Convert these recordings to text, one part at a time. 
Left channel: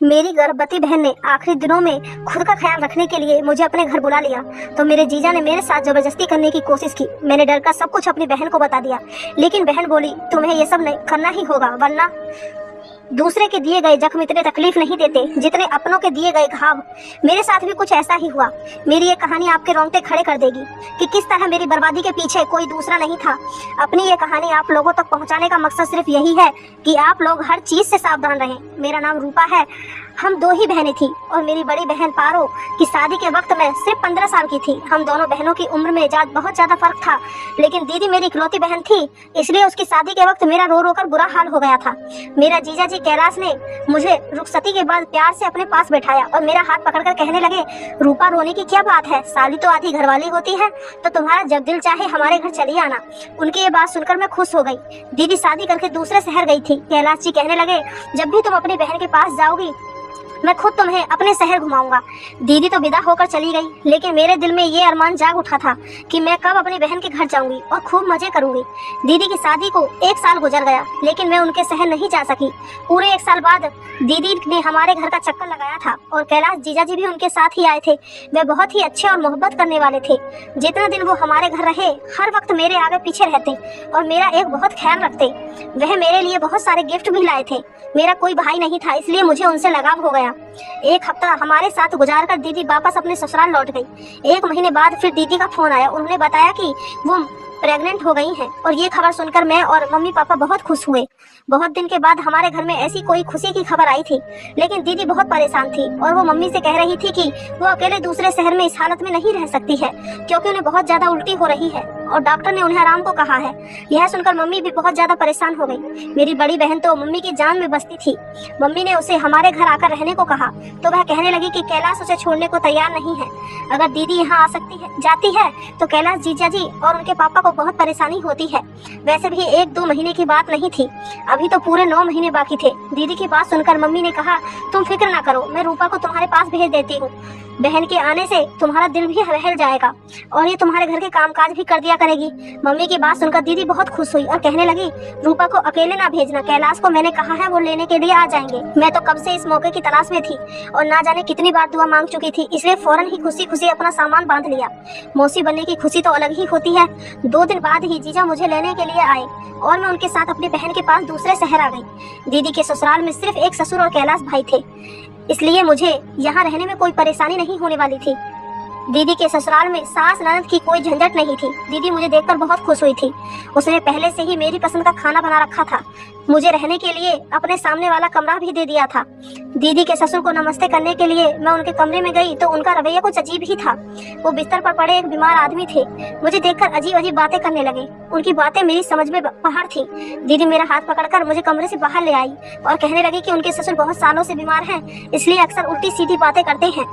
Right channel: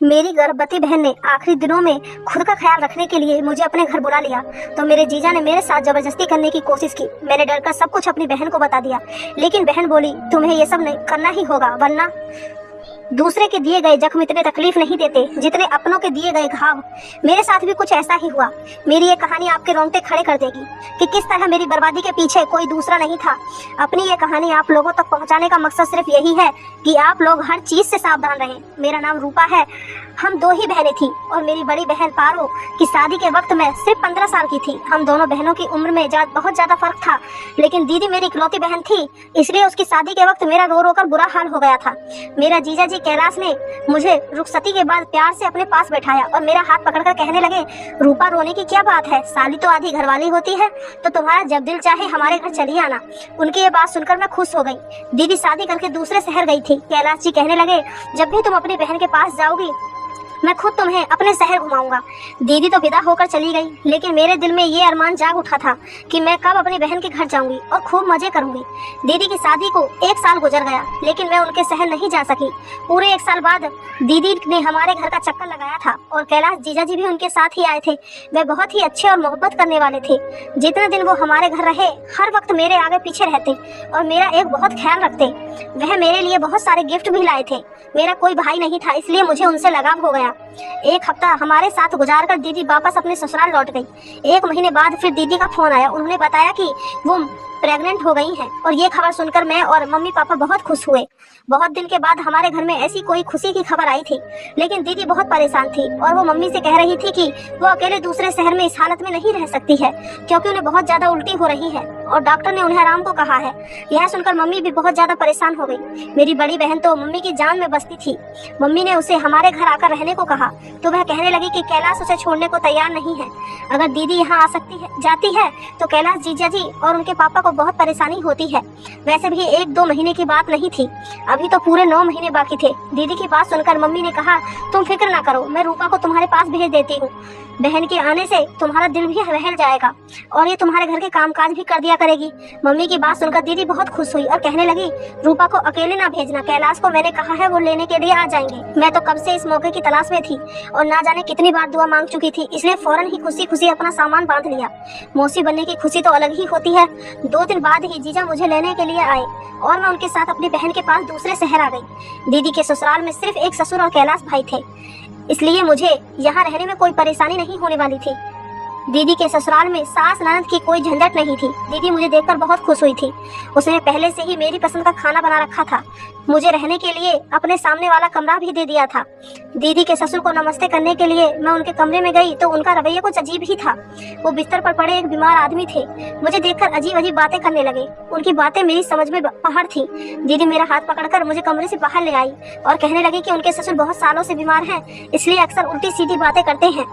मेरी गर्भवती बहन ने आखिरी दिनों में खुद का ख्याल रखने के लिए मुझे अपने घर बुला लिया तो मेरे जीजा ने मेरे साथ जबरदस्ती करने की कोशिश की। मैंने डर कर सब कुछ अपनी बहन को बता दिया, लेकिन बहन बोली तुम्हें ये सब नहीं करना ही होगा, वरना दूसरे के दिए गए जख्म इतने तकलीफ नहीं देते जितने अपनों के दिए गए घाव। मेरे साथ भी कुछ ऐसा ही हुआ। मेरी ये कहानी आपके रोंगटे खड़े कर देगी कि किस तरह मेरी बर्बादी के पीछे कोई दूसरा नहीं था। अपनी ये कहानी आप लोगों तक पहुंचाने का मकसद सिर्फ यही है कि आप लोग हर चीज से सावधान रहें। मेरा नाम रूपा है। हम दो ही बहनें थी और मेरी बड़ी बहन पारो की शादी के वक्त मैं सिर्फ 15 साल की थी। हम दोनों बहनों की उम्र में बहुत ज्यादा फर्क था, लेकिन दीदी मेरी इकलौती बहन थी, इसलिए उसकी शादी के वक्त मेरा रो रो कर बुरा हाल हो गया था। मेरा जीजा जी कैलाश ने मुझे रुखसती के बाद प्यार से अपने पास बैठाया और मेरा हाथ पकड़कर कहने लगे, रूपा रोने की क्या बात है, साली तो आधी घरवाली होती है, तो तुम्हारा जब दिल चाहे हमारे घर चली आना। उनकी ये बात सुनकर मैं खुश हो गई। दीदी शादी करके दूसरे शहर गई थी। कैलाश जी कहने लगे, जब भी तुम अपनी बहन के पास जाओगी मैं खुद तुम्हें अपने शहर घुमाऊंगा। दीदी तो विदा होकर चली गई, लेकिन मेरे दिल में ये अरमान जाग उठा था कि मैं कब अपनी बहन के घर जाऊंगी और खूब मजे करूंगी। दीदी की शादी को 1 साल गुजर गया, लेकिन मैं उनके शहर नहीं जा सकी। पूरे 1 साल बाद दीदी ने हमारे घर का चक्कर लगाया था और कैलाश जीजा जी भी उनके साथ ही आए थे। वे बहुत ही अच्छे और मोहब्बत करने वाले थे। जितना दिन वो हमारे घर रहे हर वक्त मेरे आगे पीछे रहते और मेरा एक बहुत ख्याल रखते। वह मेरे लिए बहुत सारे गिफ्ट भी लाए थे। मेरा कोई भाई नहीं था, इसलिए मुझे उनसे लगाव हो गया। 1 हफ्ता हमारे साथ गुजार कर दीदी वापस अपने ससुराल लौट गई। 1 महीने बाद फिर दीदी का फोन आया। उन्होंने बताया कि वो प्रेग्नेंट हो गई हैं और ये खबर सुनकर मैं और मम्मी पापा बहुत खुश हुए। बहुत दिन के बाद हमारे घर में ऐसी कोई खुशी की खबर आई थी, लेकिन दीदी बहुत परेशान थी और वो मम्मी से कह रही थी कि वो अकेले दूसरे शहर में इस हालत में नहीं रह सकती है, क्योंकि उन्हें बहुत ज्यादा उल्टी हो रही है और डॉक्टर ने उन्हें आराम को कहा है। यह सुनकर मम्मी भी बहुत ज्यादा परेशान हो गई। मेरी बड़ी बहन तो मम्मी की जान में बसती थी। मम्मी ने उसे हमारे घर आकर रहने को कहा तो वह कहने लगी कि कैलाश उसे छोड़ने को तैयार नहीं है। अगर दीदी यहाँ आ सकती है जाती है तो कैलाश जीजा जी और उनके पापा को बहुत परेशानी होती है। वैसे भी 1-2 महीने की बात नहीं थी, अभी तो पूरे 9 महीने बाकी थे। दीदी की बात सुनकर मम्मी ने कहा, तुम फिक्र ना करो, मैं रूपा को तुम्हारे पास भेज देती हूँ। बहन के आने से तुम्हारा दिल भी बहल जाएगा और ये तुम्हारे घर के कामकाज भी कर दिया करेगी। मम्मी की बात सुनकर दीदी बहुत खुश हुई और कहने लगी, रूपा को अकेले ना भेजना, कैलाश को मैंने कहा है वो लेने के लिए आ जाएंगे। मैं तो कब से इस मौके की तलाश में थी और ना जाने कितनी बार दुआ मांग चुकी थी, इसलिए फौरन ही खुशी खुशी अपना सामान बांध लिया। मौसी बनने की खुशी तो अलग ही होती है। 2 दिन बाद ही जीजा मुझे लेने के लिए आए और मैं उनके साथ अपनी बहन के पास दूसरे शहर आ गई। दीदी के ससुराल में सिर्फ एक ससुर और कैलाश भाई थे, इसलिए मुझे यहाँ रहने में कोई परेशानी नहीं होने वाली थी। दीदी के ससुराल में सास ननद की कोई झंझट नहीं थी। दीदी मुझे देखकर बहुत खुश हुई थी। उसने पहले से ही मेरी पसंद का खाना बना रखा था। मुझे रहने के लिए अपने सामने वाला कमरा भी दे दिया था। दीदी के ससुर को नमस्ते करने के लिए मैं उनके कमरे में गई तो उनका रवैया कुछ अजीब ही था। वो बिस्तर पर पड़े एक बीमार आदमी थे। मुझे देखकर अजीब अजीब बातें करने लगे। उनकी बातें मेरी समझ में बाहर थी। दीदी मेरा हाथ पकड़कर मुझे कमरे से बाहर ले आई और कहने लगी कि उनके ससुर बहुत सालों से बीमार हैं, इसलिए अक्सर उल्टी सीधी बातें करते हैं।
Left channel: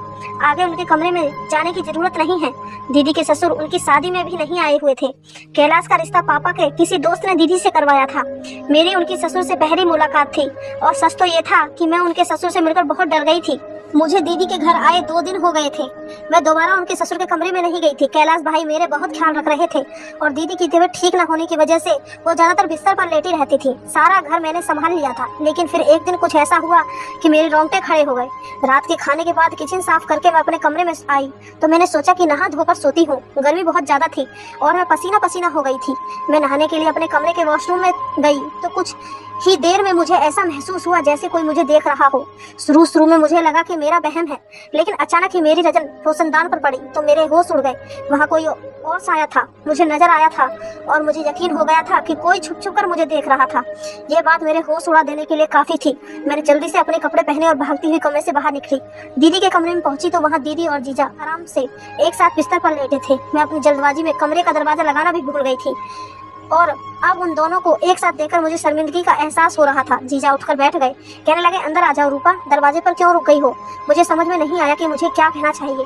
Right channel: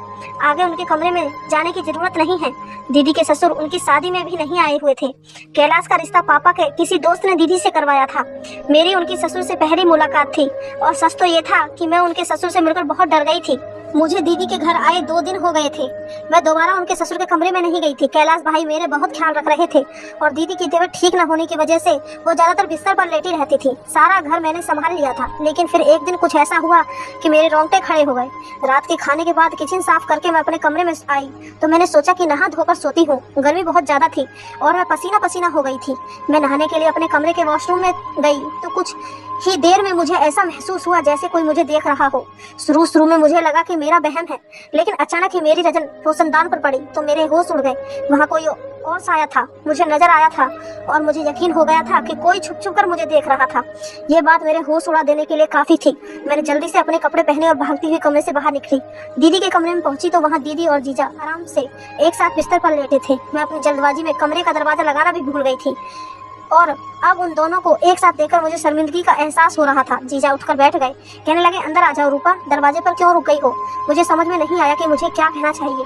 आगे उनके कमरे में जाने की जरूरत नहीं है। दीदी के ससुर उनकी शादी में भी नहीं आए हुए थे। कैलाश का रिश्ता पापा के किसी दोस्त ने दीदी से करवाया था। मेरी उनकी ससुर से पहली मुलाकात थी और सच तो ये था कि मैं उनके ससुर से मिलकर बहुत डर गई थी। मुझे दीदी के घर आए 2 दिन हो गए थे। मैं दोबारा उनके ससुर के कमरे में नहीं गई थी। कैलाश भाई मेरे बहुत ख्याल रख रहे थे और दीदी की तबीयत ठीक न होने की वजह से वो ज्यादातर बिस्तर पर लेटी रहती थी। सारा घर मैंने संभाल लिया था, लेकिन फिर एक दिन कुछ ऐसा हुआ कि मेरे रोंगटे खड़े हो गए। रात के खाने के बाद किचन साफ करके मैं अपने कमरे में आई तो मैंने सोचा कि नहा धोकर सोती हूँ। गर्मी बहुत ज्यादा थी और मैं पसीना पसीना हो गई थी। मैं नहाने के लिए अपने कमरे के वॉशरूम में गई तो कुछ ही देर में मुझे ऐसा महसूस हुआ जैसे कोई मुझे देख रहा हो। शुरू में मुझे लगा कि मेरा वहम है, लेकिन अचानक ही मेरी नजर रोशनदान पर पड़ी तो मेरे होश उड़ गए। वहाँ कोई और साया था, मुझे नजर आया था और मुझे यकीन हो गया था कि कोई छुप छुप कर मुझे देख रहा था। ये बात मेरे होश उड़ा देने के लिए काफी थी। मैंने जल्दी से अपने कपड़े पहने और भागती हुई कमरे से बाहर निकली। दीदी के कमरे में पहुंची तो वहाँ दीदी और जीजा आराम से एक साथ बिस्तर पर लेटे थे। मैं अपनी जल्दबाजी में कमरे का दरवाजा लगाना भी भूल गई थी और अब उन दोनों को एक साथ देखकर मुझे शर्मिंदगी का एहसास हो रहा था। जीजा उठकर बैठ गए, कहने लगे, अंदर आ जाओ रूपा, दरवाजे पर क्यों रुक गई हो? मुझे समझ में नहीं आया कि मुझे क्या कहना चाहिए।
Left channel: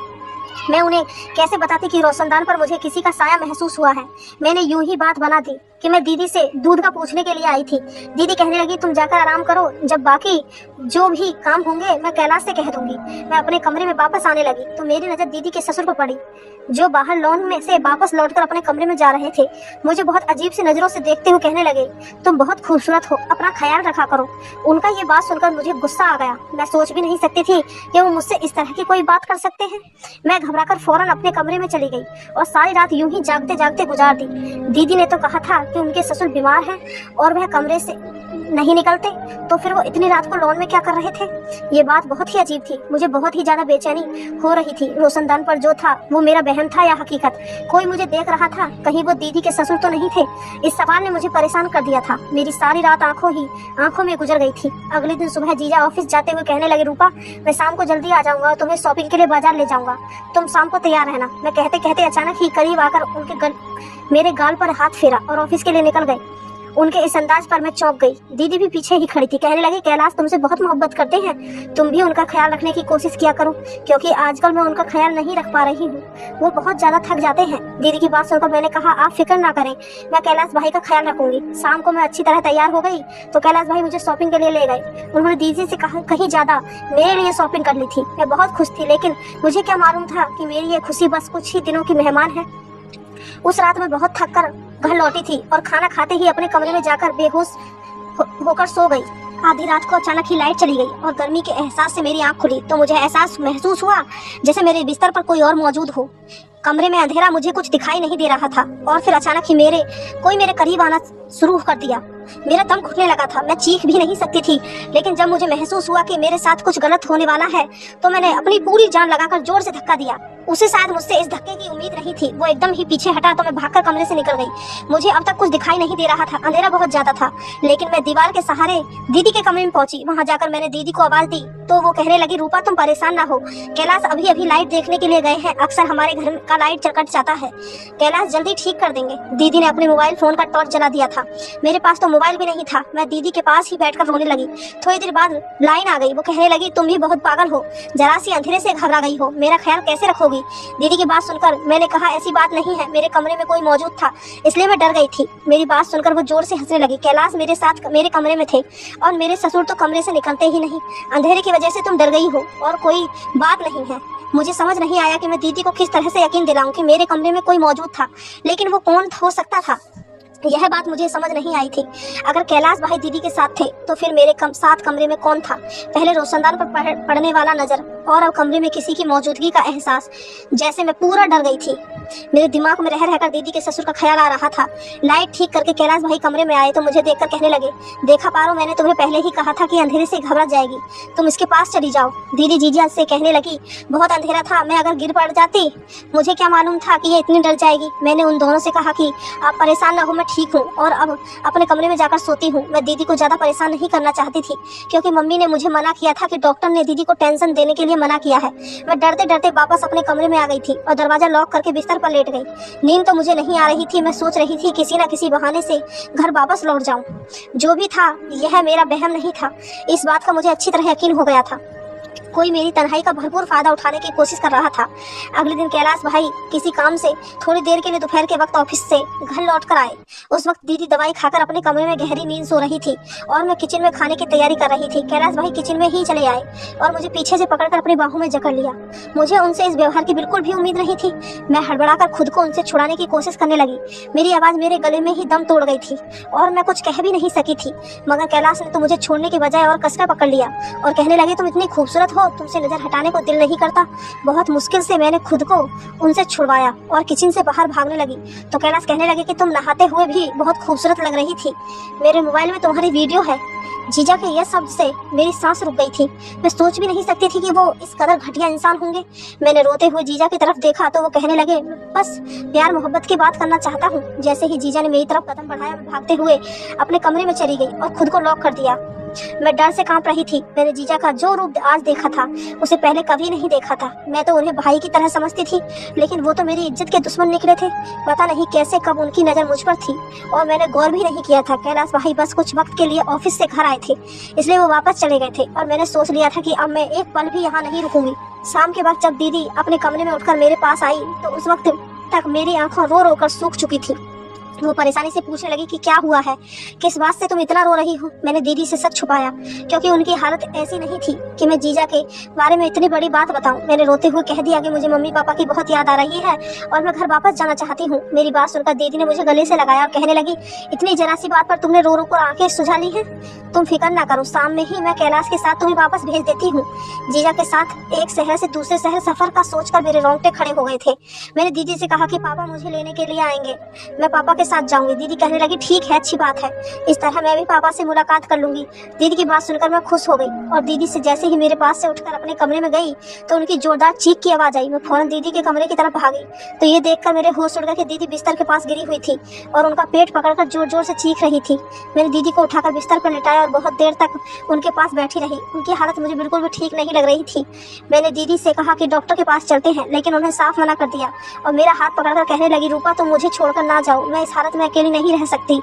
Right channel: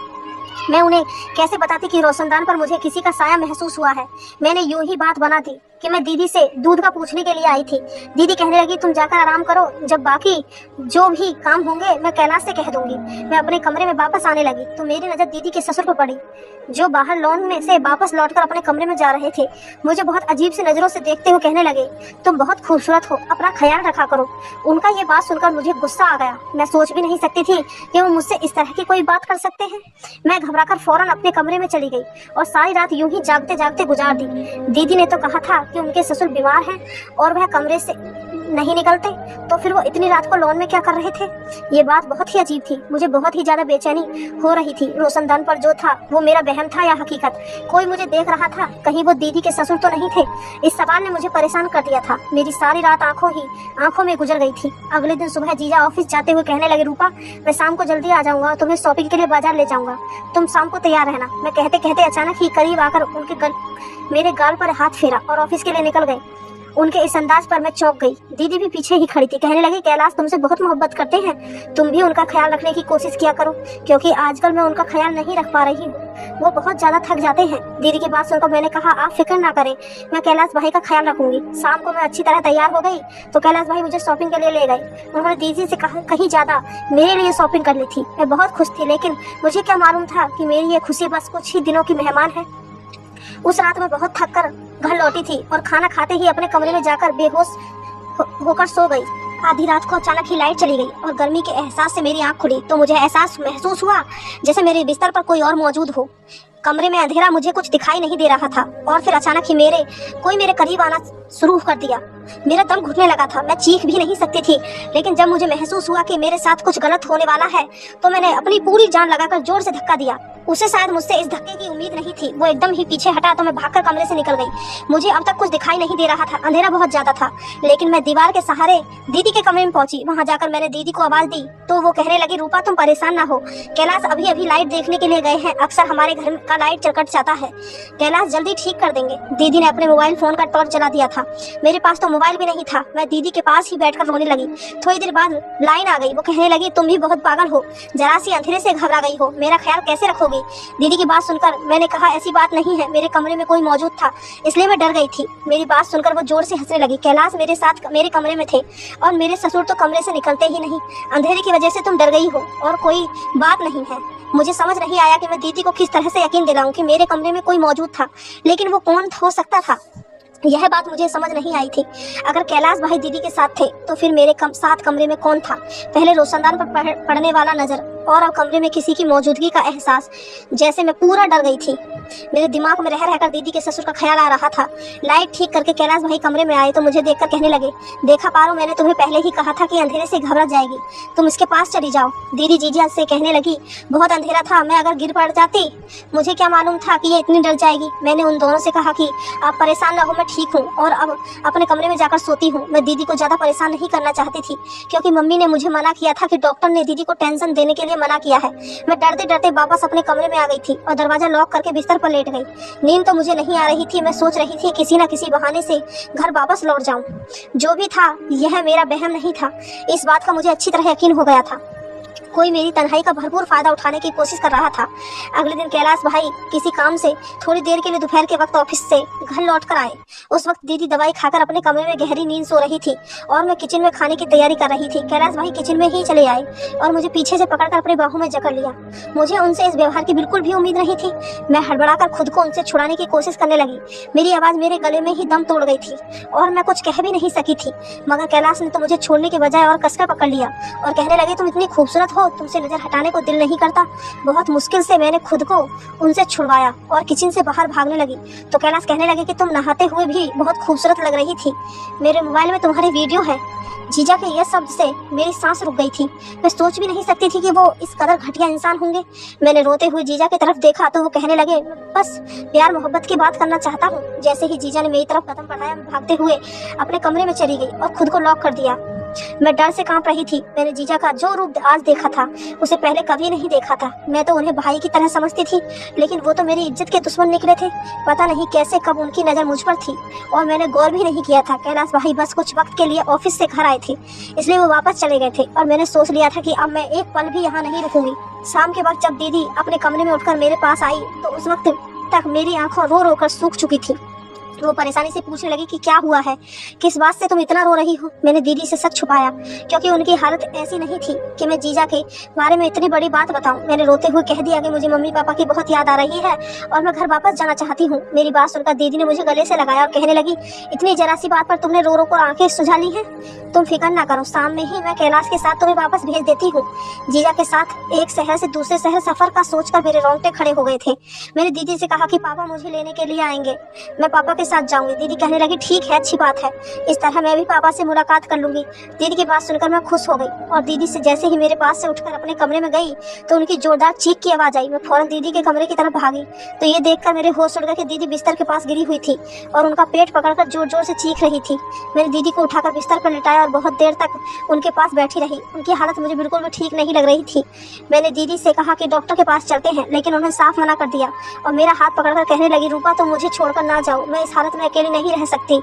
मैं उन्हें कैसे बताती कि रोशनदान पर मुझे किसी का साया महसूस हुआ है। मैंने यूं ही बात बना दी, कि मैं दीदी से दूध का पूछने के लिए आई थी। दीदी कहने लगी तुम जाकर आराम करो, जब बाकी जो भी काम होंगे मैं कैलाश से कह दूंगी। मैं अपने कमरे में वापस आने लगी तो मेरी नजर दीदी के ससुर पर पड़ी, जो बाहर लॉन में से वापस लौटकर अपने कमरे में जा रहे थे। मुझे बहुत अजीब सी नजरों से देखते हुए कहने लगे तुम बहुत खूबसूरत हो, अपना ख्याल रखा करो। उनका ये बात सुनकर मुझे गुस्सा आ गया। मैं सोच भी नहीं सकती थी कि वो मुझसे इस तरह की कोई बात कर सकते हैं। मैं घबराकर फौरन अपने कमरे में चली गई और सारी रात यूं ही जागते जागते गुजार दी। दीदी ने तो कहा था कि उनके ससुर बीमार हैं और वह कमरे से नहीं निकलते, तो फिर वो इतनी रात को लॉन में क्या कर रहे थे। ये बात बहुत ही अजीब थी। मुझे बहुत ही ज्यादा बेचैनी हो रही थी। रोशनदान पर जो था वो मेरा वहम था या हकीकत। कोई मुझे देख रहा था, कहीं वो दीदी के ससुर तो नहीं थे। इस सवाल ने मुझे परेशान कर दिया था। मेरी सारी रात आंखों में गुजर गई थी। अगले दिन सुबह जीजा ऑफिस जाते हुए कहने लगे रूपा मैं शाम को जल्दी आ जाऊंगा और तुम्हें शॉपिंग के लिए बाजार ले जाऊंगा, तुम शाम को तैयार रहना। मैं कहते कहते अचानक ही करीब आकर मेरे गाल पर हाथ फेरा और ऑफिस के लिए निकल गई। उनके इस अंदाज पर मैं चौंक गई। दीदी भी पीछे ही खड़ी थी। कहने लगी कैलाश तुमसे बहुत मोहब्बत करते हैं, तुम भी उनका ख्याल रखने की कोशिश किया करो, क्योंकि आजकल मैं उनका ख्याल नहीं रख पा रही हूँ। वो बहुत ज्यादा थक जाते हैं। दीदी की बात सुनकर मैंने कहा आप फिक्र ना करें, मैं कैलाश भाई का ख्याल रखूंगी। शाम को मैं अच्छी तरह तैयार हो गई तो कैलाश भाई मुझे शॉपिंग के लिए ले गए। उन्होंने दीदी से कहा कहीं ज्यादा मेरे लिए शॉपिंग कर ली थी। मैं बहुत खुश थी, लेकिन मुझे क्या मालूम था कि मेरी ये खुशी बस कुछ ही दिनों की मेहमान है। उस रात मैं बहुत थक कर घर लौटी थी और खाना खाते ही अपने कमरे में जाकर बेहोश होकर सो गई। आधी रात को अचानक ही लाइट चली गई और गर्मी के एहसास से मेरी आंख खुली तो मुझे एहसास महसूस हुआ जैसे मेरे बिस्तर पर कोई और मौजूद हो। कमरे में अंधेरा, मुझे कुछ दिखाई नहीं दे रहा था और फिर अचानक ही कोई मेरे करीब आना शुरू कर दिया। मेरा दम घुटने लगा था। मैं चीख भी नहीं सकती थी, लेकिन जब मुझे महसूस हुआ कि मेरे साथ कुछ गलत होने वाला है तो मैंने अपनी पूरी जान लगाकर जोर से धक्का दिया। उसे शायद मुझसे इस धक्के की उम्मीद नहीं थी। वो एकदम ही पीछे हटा तो मैं भागकर कमरे से निकल गई। मुझे अब तक कुछ दिखाई नहीं दे रहा था, अंधेरा बहुत ज्यादा था, लेकिन मैं दीवार के सहारे दीदी के कमरे में पहुंची। वहां जाकर मैंने दीदी को आवाज दी तो वो कहने लगी रूपा तुम परेशान ना हो, कैलाश अभी अभी लाइट देखने के लिए गए हैं, अक्सर हमारे घर का लाइट कट जाता है, कैलाश जल्दी ठीक कर देंगे। दीदी ने अपने मोबाइल फोन का टॉर्च जला दिया था। मेरे पास तो मोबाइल भी नहीं था। मैं दीदी के पास ही बैठकर रोने लगी। थोड़ी देर बाद लाइन आ गई। वो कहने लगी तुम भी बहुत पागल हो, जरा सी अंधेरे से घबरा गई हो, मेरा ख्याल कैसे रखोगी। दीदी की बात सुनकर मैंने कहा ऐसी बात नहीं है, मेरे कमरे में कोई मौजूद था इसलिए मैं डर गई थी। मेरी बात सुनकर वो जोर से हंसने लगी। कैलाश मेरे साथ मेरे कमरे में थे और मेरे ससुर तो कमरे से निकलते ही नहीं। अंधेरे की वजह से तुम डर गई हो और कोई बात नहीं है। मुझे समझ नहीं आया कि मैं दीदी को किस तरह से यकीन दिलाऊं कि मेरे कमरे में कोई मौजूद था, लेकिन वो कौन हो सकता था यह बात मुझे समझ नहीं आई थी। अगर कैलाश भाई दीदी के साथ थे तो फिर मेरे साथ कमरे में कौन था। पहले रोशनदान पर पड़ने वाला नजर और अब कमरे में किसी की मौजूदगी का एहसास, जैसे मैं पूरा डर गई थी। मेरे दिमाग में रह रहकर दीदी के ससुर का ख्याल आ रहा था। लाइट ठीक करके कैलाश भाई कमरे में आए तो मुझे देखकर कहने लगे देखा पारो, मैंने तुम्हें पहले ही कहा था कि अंधेरे से घबरा जाएगी, तुम इसके पास चली जाओ। दीदी जीजा से कहने लगी बहुत अंधेरा था, मैं अगर गिर पड़ जाती, मुझे क्या मालूम था कि ये इतनी डर जाएगी। मैंने उन दोनों से कहा कि आप परेशान न हो, मैं ठीक हूँ और अब अपने कमरे में जाकर सोती हूँ। मैं दीदी को ज्यादा परेशान नहीं करना चाहती थी क्योंकि मम्मी ने मुझे मना किया था कि डॉक्टर ने दीदी को टेंशन देने के लिए मना किया है। मैं डरते डरते वापस अपने कमरे में आ गई थी और दरवाजा लॉक करके बिस्तर पर लेट गई। नींद तो मुझे नहीं आ रही थी। मैं सोच रही थी किसी न किसी बहाने से घर वापस लौट जाऊं। जो भी था यह मेरा वहम नहीं था, इस बात का मुझे अच्छी तरह यकीन हो गया था। कोई मेरी तन्हाई का भरपूर फायदा उठाने की कोशिश कर रहा था। अगले दिन कैलाश भाई किसी काम से थोड़ी देर के लिए दोपहर के वक्त ऑफिस से घर लौट कर आए। उस वक्त दीदी दवाई खाकर अपने कमरे में गहरी नींद सो रही थी और मैं किचन में खाने की तैयारी कर रही थी। कैलाश भाई किचन में ही चले आए और मुझे पीछे से पकड़कर अपनी बाहों में जकड़ लिया। मुझे उनसे इस व्यवहार की बिल्कुल भी उम्मीद नहीं थी। मैं हड़बड़ाकर खुद को उनसे छुड़ाने की कोशिश करने लगी। मेरी आवाज मेरे गले में ही दम तोड़ गई थी और मैं कुछ कह भी नहीं सकी थी, मगर कैलाश ने तो मुझे छोड़ने के बजाय और कसकर पकड़ लिया और कहने लगे तुम इतनी खूबसूरत हो, तुमसे नजर हटाने को दिल नहीं करता। बहुत मुश्किल से मैंने खुद को उनसे छुड़वाया और किचन से बाहर भागने लगी तो कैलाश कहने लगे कि तुम नहाते हुए भी बहुत खूबसूरत लग रही थी, मेरे मोबाइल में तुम्हारी वीडियो है। जीजा के यह शब्द से मेरी सांस रुक गई थी। मैं सोच भी नहीं सकती थी कि वो इस कदर घटिया इंसान होंगे। मैंने रोते हुए जीजा की तरफ देखा तो वो कहने लगे बस प्यार मोहब्बत की बात करना चाहता हूँ। जैसे ही जीजा ने मेरी तरफ कदम बढ़ाया, भागते हुए अपने कमरे में चली गई और खुद को लॉक कर दिया। मैं डर से कांप रही थी। मैंने जीजा का जो रूप आज देखा था उसे पहले कभी नहीं देखा था। मैं तो उन्हें भाई की तरह समझती थी, लेकिन वो तो मेरी इज्जत के दुश्मन निकले थे। पता नहीं कैसे कब उनकी नजर मुझ पर थी और मैंने गौर भी नहीं किया था। कैलाश भाई बस कुछ वक्त के लिए ऑफिस से घर आए थे, इसलिए वो वापस चले गए थे और मैंने सोच लिया था कि अब मैं एक पल भी यहाँ नहीं रुकूंगी। शाम के वक्त जब दीदी अपने कमरे में उठकर मेरे पास आई तो उस वक्त तक मेरी आंखें रो रो कर सूख चुकी थी। वो परेशानी से पूछने लगी कि क्या हुआ है, किस बात से तुम इतना रो रही हो। मैंने दीदी से सच छुपाया क्योंकि उनकी हालत ऐसी नहीं थी कि मैं जीजा के बारे में इतनी बड़ी बात बताऊं। मैंने रोते हुए कह दिया कि मुझे मम्मी पापा की बहुत याद आ रही है और मैं घर वापस जाना चाहती हूँ। मेरी बात सुनकर दीदी ने मुझे गले से लगाया और कहने लगी, इतनी जरा सी बात पर तुमने रो रो कर आंखें सुझा ली है। तुम फिक्र ना करो, शाम में ही मैं कैलाश के साथ तुम्हें वापस भेज देती हूँ। जीजा के साथ एक शहर से दूसरे शहर सफर का सोचकर मेरे रोंगटे खड़े हो गए थे। मैंने दीदी से कहा कि पापा मुझे लेने के लिए आएंगे, मैं पापा के साथ जाऊंगी। दीदी कहने लगी, ठीक है, अच्छी बात है, इस तरह मैं भी पापा से मुलाकात कर लूंगी। दीदी की बात सुनकर मैं खुश हो गई और दीदी से जैसे ही मेरे पास से उठकर अपने कमरे में गई तो उनकी जोरदार चीख की आवाज आई। मैं फौरन दीदी के कमरे की तरफ भागी तो ये देखकर मेरे होश उड़ गए कि दीदी बिस्तर के पास गिरी हुई थी और उनका पेट पकड़कर जोर जोर से चीख रही थी। मैंने दीदी को उठाकर बिस्तर पर लिटाया और बहुत देर तक उनके पास बैठी रही। उनकी हालत मुझे बिल्कुल भी ठीक नहीं लग रही थी। मैंने दीदी से कहा कि डॉक्टर के पास चलते हैं, लेकिन उन्होंने साफ मना कर दिया और मेरा हाथ पकड़कर कहने लगी, रूपा तुम मुझे छोड़कर ना जाओ, मैं इस हालत में अकेली नहीं रह सकती।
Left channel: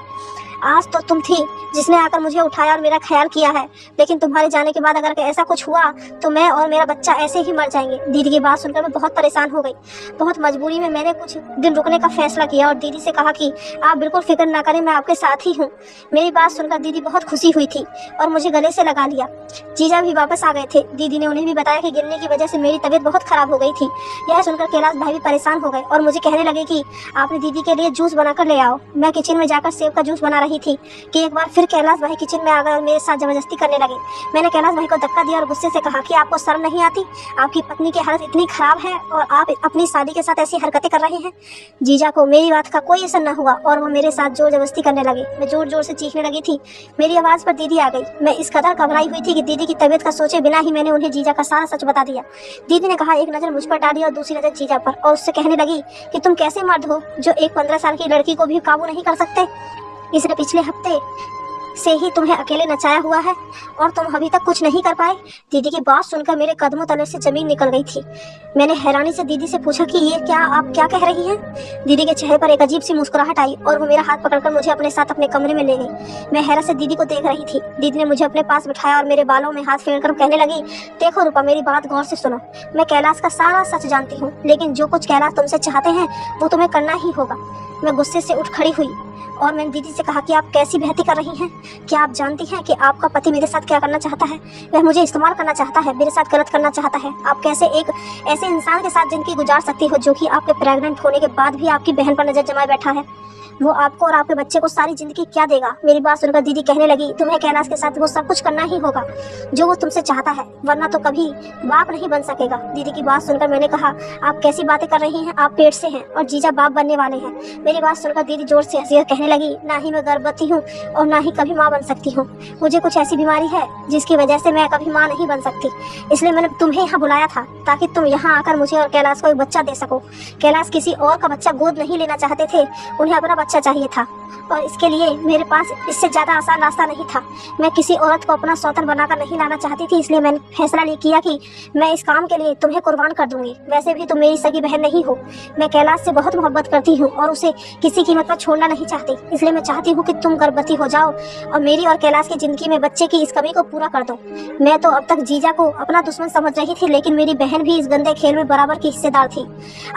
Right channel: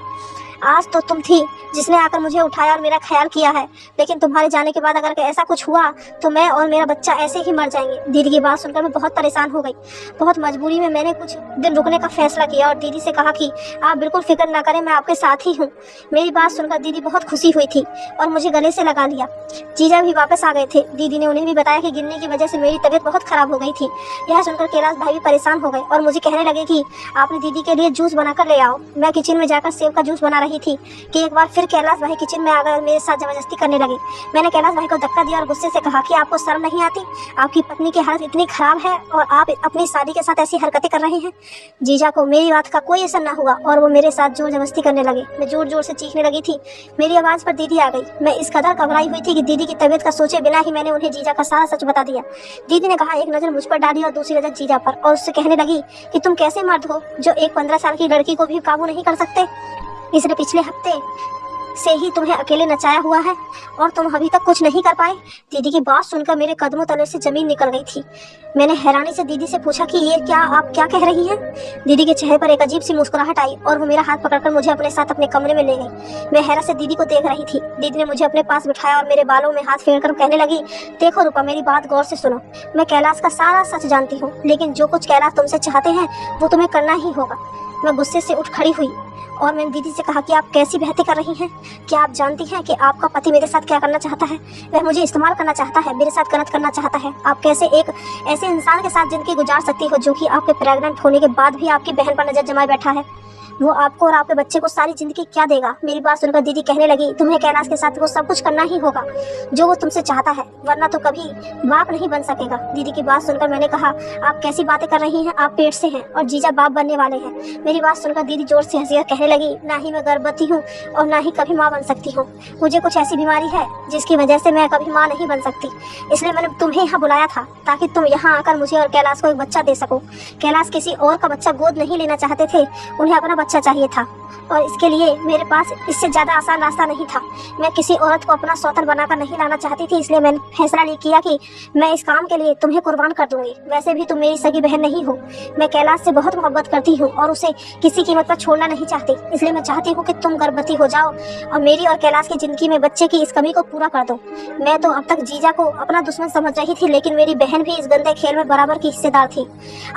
आज तो तुम थी जिसने आकर मुझे उठाया और मेरा ख्याल किया है, लेकिन तुम्हारे जाने के बाद अगर ऐसा कुछ हुआ तो मैं और मेरा बच्चा ऐसे ही मर जाएंगे। दीदी की बात सुनकर मैं बहुत परेशान हो गई। बहुत मजबूरी में मैंने कुछ दिन रुकने का फैसला किया और दीदी से कहा कि आप बिल्कुल फिक्र ना करें, मैं आपके साथ ही हूँ। मेरी बात सुनकर दीदी बहुत खुशी हुई थी और मुझे गले से लगा लिया। जीजा भी वापस आ गए थे। दीदी ने उन्हें भी बताया कि गिरने की वजह से मेरी तबीयत बहुत खराब हो गई थी। यह सुनकर कैलाश भाई भी परेशान हो गए और मुझे कहने लगे कि आपने दीदी के लिए जूस बनाकर ले आओ। मैं किचन में जाकर सेब का जूस बना रही थी कि एक बार फिर कैलाश भाई किचन में आ गए और मेरे साथ जबरदस्ती करने लगे। मैंने कैलाश भाई को धक्का दिया और गुस्से से कहा कि आपको शर्म नहीं आती, आपकी पत्नी की हालत इतनी खराब है और आप अपनी शादी के साथ ऐसी हरकतें कर रहे हैं। जीजा को मेरी बात का कोई असर न हुआ और वो मेरे साथ जोर जबरदस्ती करने लगे। मैं जोर जोर से चीखने लगी थी। मेरी आवाज पर दीदी आ गई। मैं इस कदर घबराई हुई थी कि दीदी की तबीयत का सोचे बिना ही मैंने उन्हें जीजा का सारा सच बता दिया। दीदी ने कहा, एक नजर मुझ पर डाली और दूसरी नजर जीजा पर, और उससे कहने लगी कि तुम कैसे मर्द हो जो एक 15 साल की लड़की को भी काबू नहीं कर सकते। इसने पिछले हफ्ते से ही तुम्हें अकेले नचाया हुआ है और तुम अभी तक कुछ नहीं कर पाए। दीदी की बात सुनकर मेरे कदमों तले से जमीन निकल गई थी। मैंने हैरानी से दीदी से पूछा कि ये क्या आप क्या कह रही हैं? दीदी के चेहरे पर एक अजीब सी मुस्कुराहट आई और वो मेरा हाथ पकड़कर मुझे अपने साथ अपने कमरे में ले गई। मैं हैरत से दीदी को देख रही थी। दीदी ने मुझे अपने पास बिठाया और मेरे बालों में हाथ फेरकर कहने लगी, देखो रूपा, मेरी बात गौर से सुनो। मैं कैलाश का सारा सच जानती हूँ, लेकिन जो कुछ कैलाश तुमसे चाहते हैं वो तुम्हें करना ही होगा। मैं गुस्से से उठ खड़ी हुई और मैंने दीदी से कहा कि आप कैसी बहती कर रही हैं? क्या आप जानती हैं कि आपका पति मेरे साथ क्या करना चाहता है? वह मुझे इस्तेमाल करना चाहता है, मेरे साथ गलत करना चाहता है। आप कैसे एक ऐसे इंसान के साथ जिंदगी गुजार सकती हो जो कि आपके प्रेग्नेंट होने के बाद भी आपकी बहन पर नजर जमाए बैठा है? वो आपको और आपके बच्चे को सारी जिंदगी क्या देगा? मेरी बात सुनकर दीदी कहने लगी, तुम्हें कैलाश के साथ वो सब कुछ करना ही होगा जो वो तुमसे चाहता है, वरना तो कभी बाप नहीं बन सकेगा। दीदी की बात सुनकर मैंने कहा, आप कैसी बातें कर रही हैं? आप पेट से हैं और जीजा बाप बनने वाले हैं। मेरी बात सुनकर दीदी जोर से हंसी और कहने लगी, ना ही मैं गर्भवती हूँ और ना ही कभी माँ बन सकती हूँ। मुझे कुछ ऐसी बीमारी है जिसकी वजह से मैं कभी माँ नहीं बन सकती, इसलिए मैंने तुम्हें यहाँ बुलाया था ताकि तुम यहाँ आकर मुझे और कैलाश को एक बच्चा दे सको। कैलाश किसी और का बच्चा गोद नहीं लेना चाहते थे, उन्हें अपना बच्चा चाहिए था और इसके लिए मेरे पास इससे ज्यादा आसान रास्ता नहीं था। मैं किसी औरत को अपना सौतन बनाकर नहीं लाना चाहती थी, इसलिए मैंने फैसला किया कि मैं इस काम के लिए तुम्हें कुर्बान कर दूंगी। वैसे भी तुम मेरी सगी बहन नहीं हो। मैं कैलाश से बहुत मोहब्बत करती हूँ और उसे किसी कीमत पर छोड़ना नहीं चाहती, इसलिए मैं चाहती हूँ कि तुम गर्भवती हो जाओ और मेरी और कैलाश की जिंदगी में बच्चे की इस कमी को पूरा कर दो। मैं तो अब तक जीजा को अपना दुश्मन समझ रही थी, लेकिन मेरी बहन भी इस गंदे खेल में बराबर की हिस्सेदार थी।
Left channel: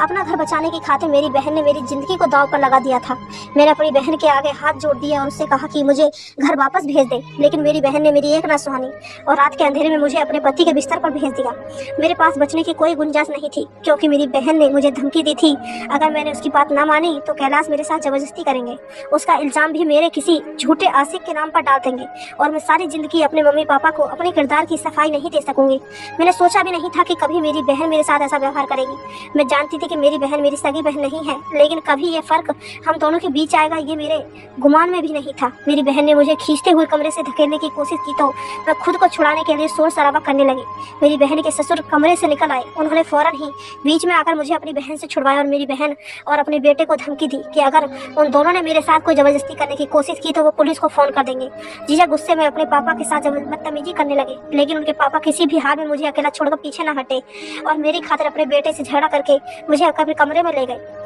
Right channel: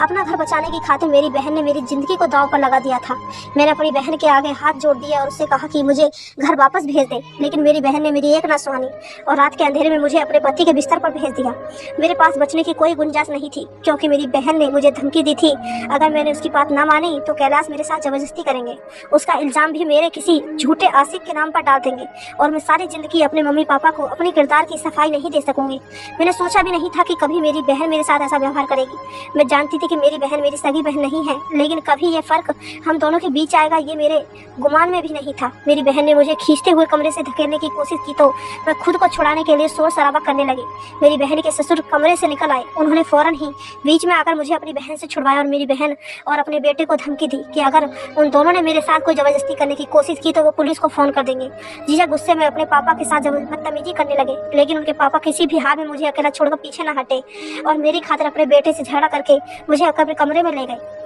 अपना घर बचाने की खातिर मेरी बहन ने मेरी जिंदगी को दांव पर लगा दिया था। मैंने अपनी बहन के आगे हाथ जोड़ दिए और उससे कहा कि मुझे घर वापस भेज दे, लेकिन मेरी बहन ने मेरी एक ना सुनी और रात के अंधेरे में मुझे अपने पति के बिस्तर पर भेज दिया। मेरे पास बचने की कोई गुंजाइश नहीं थी, क्योंकि मेरी बहन ने मुझे धमकी दी थी, अगर मैंने उसकी बात ना मानी तो कैलाश मेरे साथ जबरदस्ती करेंगे। उसका इल्जाम भी मेरे किसी झूठे आशिक के नाम पर डाल देंगे और मैं सारी जिंदगी अपने मम्मी पापा को अपने किरदार की सफाई नहीं दे सकूंगी। मैंने सोचा भी नहीं था कि कभी मेरी बहन मेरे साथ ऐसा व्यवहार करेगी। मैं जानती थी कि मेरी बहन मेरी सगी बहन नहीं है, लेकिन कभी ये फर्क हम दोनों के बीच आएगा ये मेरे गुमान में भी नहीं था। मेरी बहन ने मुझे खींचते हुए कमरे से धकेलने की कोशिश की तो मैं खुद को छुड़ाने के लिए शोर शराबा करने लगी। मेरी बहन के ससुर कमरे से निकल आए। उन्होंने फौरन ही बीच में आकर मुझे अपनी बहन से छुड़वाया और मेरी बहन और अपने बेटे को धमकी दी कि अगर उन दोनों ने मेरे साथ कोई जबरदस्ती करने की कोशिश की तो वो पुलिस को फोन कर देंगे। जीजा गुस्से में अपने पापा के साथ बदतमीजी करने लगे, लेकिन उनके पापा किसी भी हाल में मुझे अकेला छोड़कर पीछे न हटे और मेरी खातिर अपने बेटे से झगड़ा करके मुझे अपने कमरे में ले गए।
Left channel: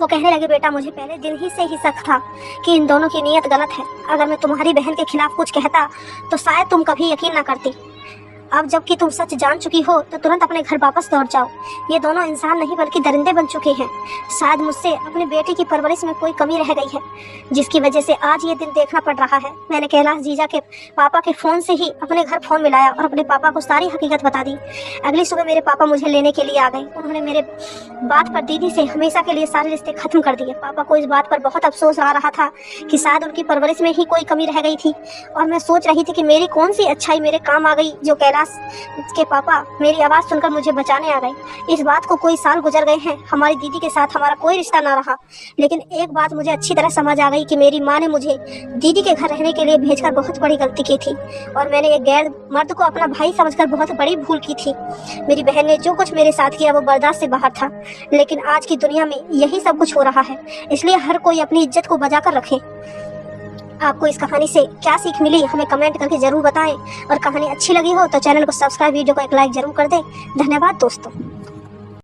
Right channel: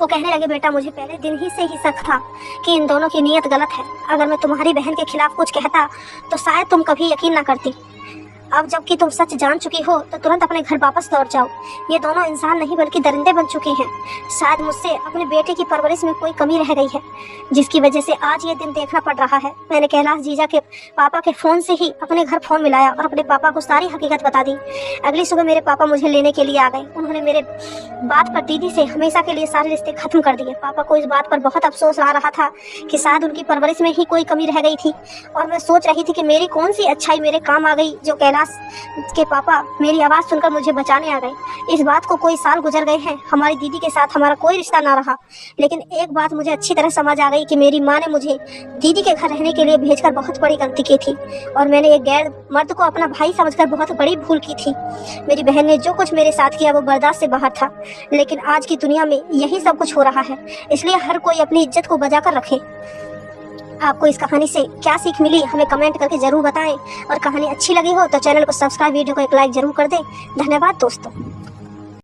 वो कहने लगे, बेटा मुझे पहले दिन ही से ही शक था कि इन दोनों की नीयत गलत है। अगर मैं तुम्हारी बहन के खिलाफ कुछ कहता तो शायद तुम कभी यकीन न करती। अब जबकि तुम सच जान चुकी हो तो तुरंत अपने घर वापस लौट जाओ। ये दोनों इंसान नहीं बल्कि दरिंदे बन चुके हैं। शायद मुझसे अपनी बेटी की परवरिश में कोई कमी रह गई है, जिसकी वजह से आज ये दिन देखना पड़ रहा है। मैंने कैलाश जीजा के पापा के फ़ोन से ही अपने घर फ़ोन मिलाया और अपने पापा को सारी हकीकत बता दी। अगली सुबह मेरे पापा मुझे लेने के लिए आ गए। उन्होंने मेरे बात पर दीदी से हमेशा के लिए सारे रिश्ते खत्म कर दिए। पापा को इस बात पर बहुत अफसोस आ रहा था कि शायद उनकी परवरिश में ही कोई कमी रह गई थी, और मैं सोच रही थी कि मेरी कौन सी अच्छाई मेरे काम आ गई जो कैलाश के पापा मेरी आवाज़ सुनकर मुझे बचाने आ गए। इस बात को कोई साल गुजर गए हैं, हमारी दीदी के साथ हमारा कोई रिश्ता ना रहा, लेकिन एक बात मुझे अच्छी तरह समझ आ गई कि मेरी माँ ने मुझे दीदी के घर रहने के लिए भेजकर बहुत बड़ी गलती की थी, और मैंने एक गैर मर्द को अपना भाई समझकर बहुत बड़ी भूल की थी। मेरी बहन ने जो कुछ मेरे साथ किया वो बर्दाश्त से बाहर था, लेकिन आज की दुनिया में यही सब कुछ हो रहा है, इसलिए हर कोई अपनी इज्जत को बचा कर रखे। आपको इस कहानी से क्या सीख मिली हमें कमेंट करके जरूर बताएं, और कहानी अच्छी लगी हो तो चैनल को सब्सक्राइब, वीडियो को एक लाइक जरूर कर दें। धन्यवाद दोस्तों।